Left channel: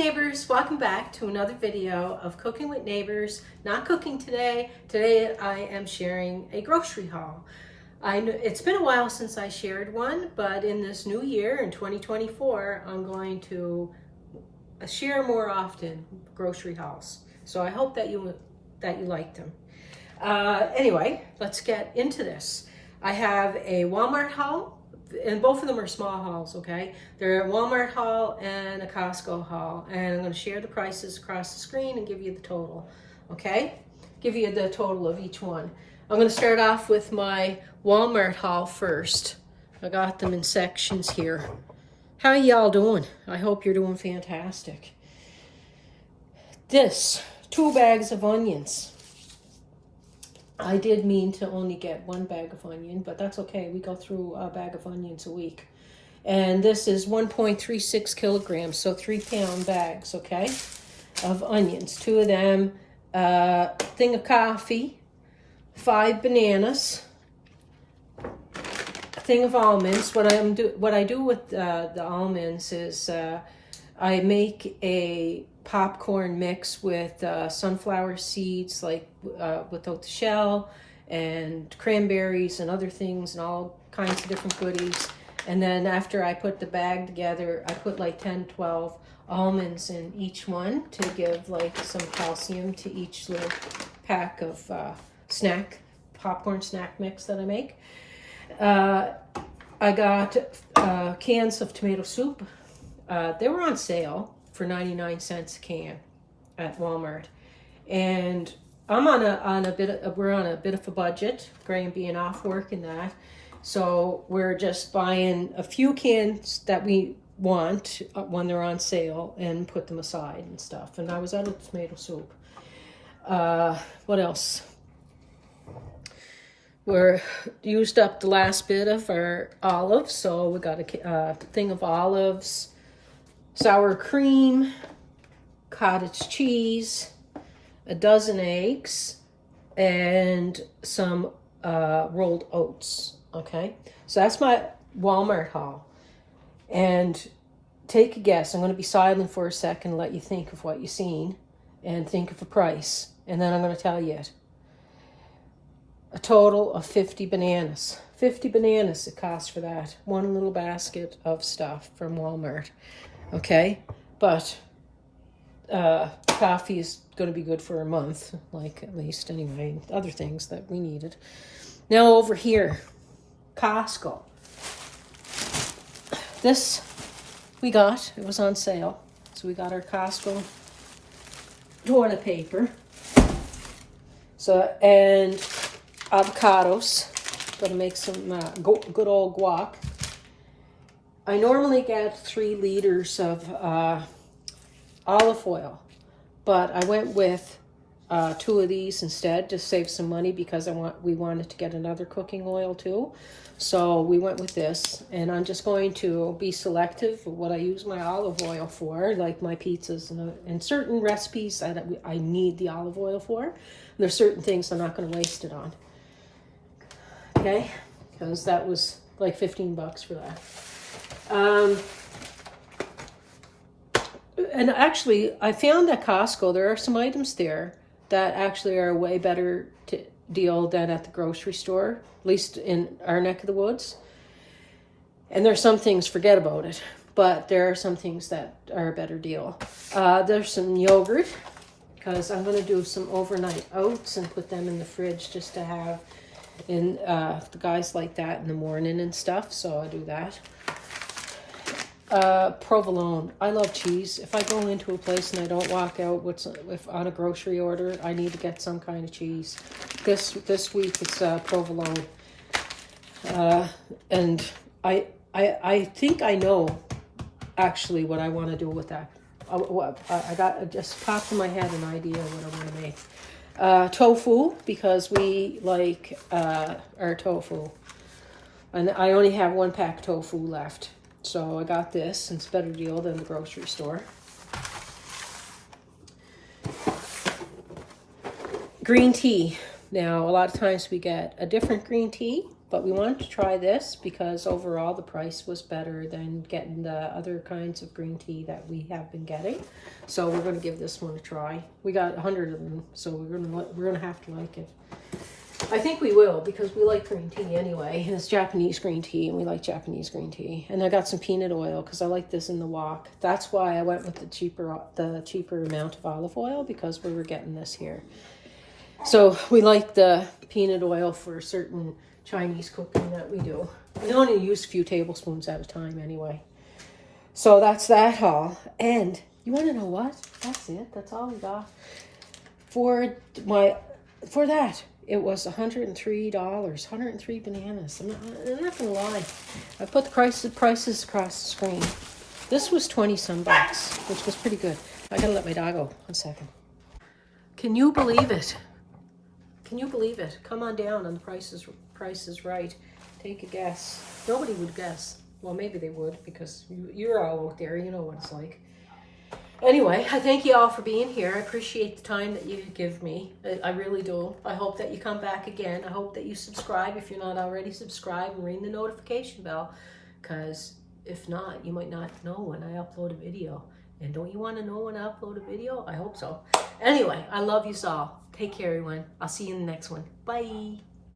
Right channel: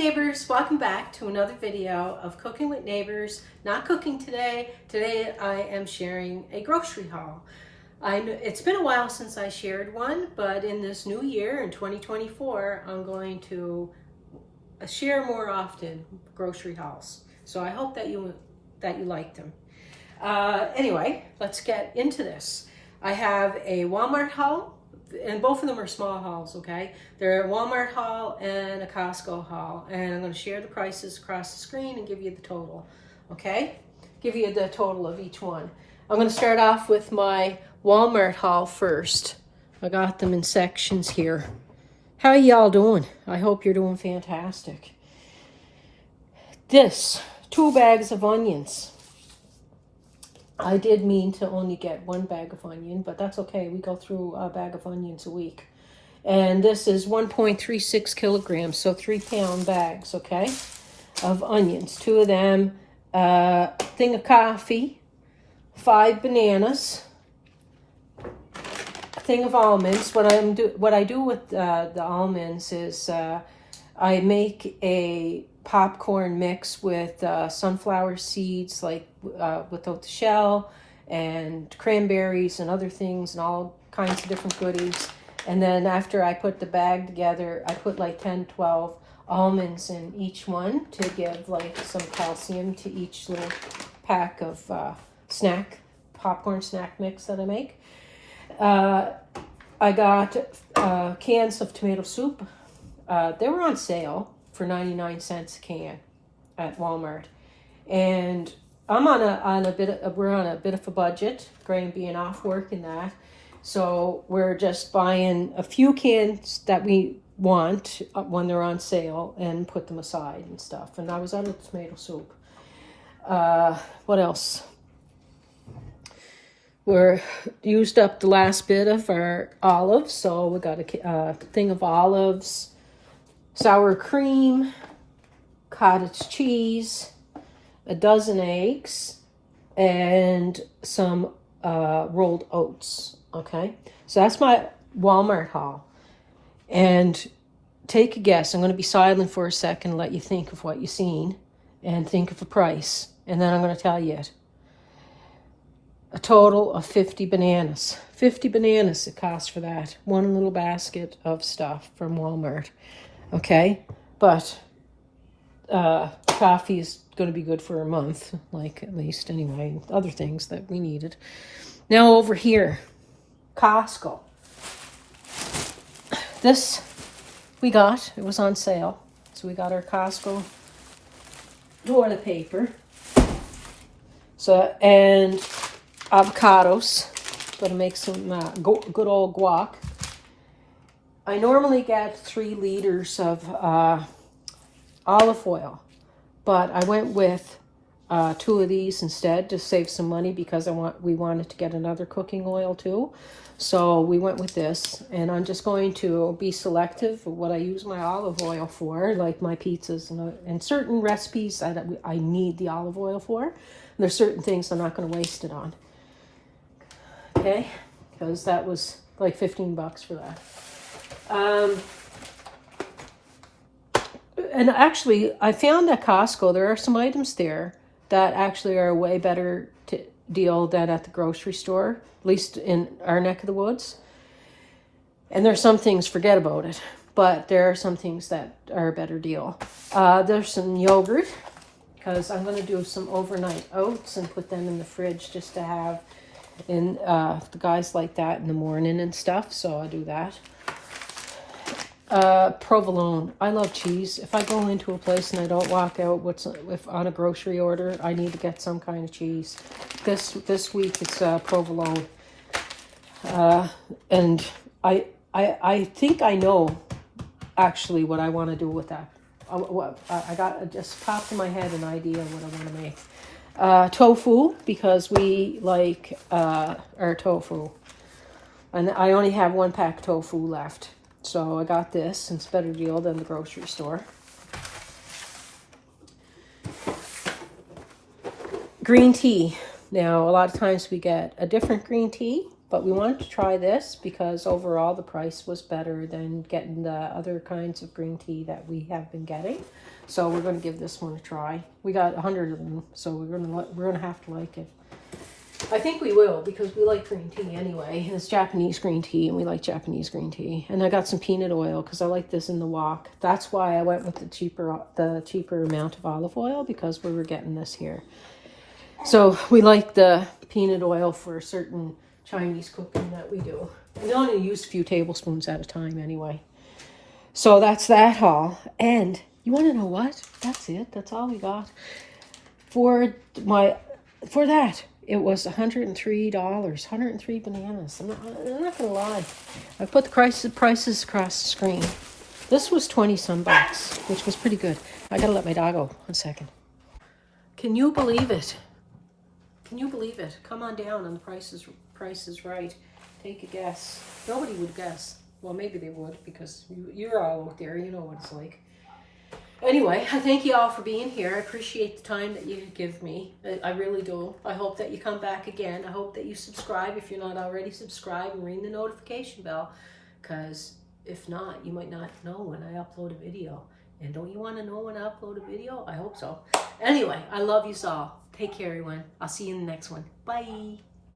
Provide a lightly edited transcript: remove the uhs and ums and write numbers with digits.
neighbors, welcome back to another video of Cooking with Neighbors. Not cooking today. Today I am sharing a grocery haul. I know it's been a while since I shared one, but in this new year, in 2024, I'm going to share more often grocery hauls. So I hope that you like them. Anyway, let's get into this. I have a Walmart haul, and both of them are small hauls, okay? They're a Walmart haul and a Costco haul, and I'm going to share the prices across the screen and give you the total, okay? Give you the total of each one. I'm going to start off with my Walmart haul first. I got them in sections here. How y'all doing? I hope you're doing fantastic. This, 2 bags of onions. I did mean to only get 1 bag of onion, but that's okay. We go through a bag of onions a week. And this is 1.36 kilograms, so 3-pound bags, okay, of onions. 2 of them, a thing of coffee, 5 bananas, a thing of almonds. What I do with the almonds is I make a popcorn mix with sunflower seeds, like without the shell, and cranberries and other things and all kinds of different goodies. And then after I put the bag together, I put like 10, 12 almonds in each one to give like some calcium to each little pack of popcorn snack mix that I make. I got cans of tomato soup. They were on sale for 99 cents a can at Walmart, and I'm we're on a bit of a budget, Graham being off work and that, so we're just buying a few cans that we want when they're on sale and put them aside and stuff. And I was out of tomato soup. What else? We're used up the last bit of our olives, so we got a thing of olives, sour cream, cottage cheese, a dozen eggs, and some rolled oats, okay? So that's my Walmart haul. And take a guess. I'm going to be silent for a second, let you think of what you've seen, and think of a price. And then I'm going to tell you it. A total of 50 bananas. 50 bananas it costs for that. One little basket of stuff from Walmart. Okay, but coffee is going to be good for a month, like at least anyway, other things that we needed. Now over here, Costco. This we got, it was on sale. So we got our Costco toilet paper. So, and avocados. Gonna make some good old guac. I normally get 3 liters of olive oil, but I went with 2 of these instead to save some money because we wanted to get another cooking oil too. So we went with this, and I'm just going to be selective of what I use my olive oil for, like my pizzas and certain recipes I need the olive oil for. There's certain things I'm not going to waste it on. Okay, because that was like 15 bucks for that. And actually, I found at Costco, there are some items there that actually are a way better deal than at the grocery store, at least in our neck of the woods. And there's some things, forget about it, but there are some things that are a better deal. There's some yogurt, because I'm going to do some overnight oats and put them in the fridge just to have in the guys like that in the morning and stuff, so I'll do that. Provolone. I love cheese. If I go into a place and I don't walk out if on a grocery order, I need to get some kind of cheese. This week it's provolone. And I think I know actually what I want to do with that. It just popped in my head an idea of what I want to make. Tofu, because we like our tofu. And I only have 1 pack of tofu left. So I got this, and it's a better deal than the grocery store. Green tea. Now, a lot of times we get a different green tea. But we wanted to try this because overall the price was better than getting the other kinds of green tea that we have been getting. So we're going to give this one a try. We got 100 of them, so we're going to have to like it. I think we will because we like green tea anyway. And it's Japanese green tea, and we like Japanese green tea. And I got some peanut oil because I like this in the wok. That's why I went with the cheaper amount of olive oil, because we were getting this here. So we like the peanut oil for certain Chinese cooking that we do. We only use a few tablespoons at a time anyway. So that's that haul. And you want to know what? That's it. That's all we got. For that, it was $103. 103 bananas. I'm not going to lie. I put the prices across the screen. This was 20 some bucks, which was pretty good. I got to let my dog go. 1 second. Can you believe it? Can you believe it? Come on down on the Price is Right. Take a guess. Nobody would guess. Well, maybe they would, because you're all out there. You know what it's like. Anyway, I thank you all for being here. I appreciate the time that you give me. I really do. I hope that you come back again. I hope that you subscribe if you're not already subscribed, and ring the notification bell, because if not, you might not know when I upload a video. And don't you want to know when I upload a video? I hope so. Anyway, I love you all. Take care, everyone. I'll see you in the next one. Bye.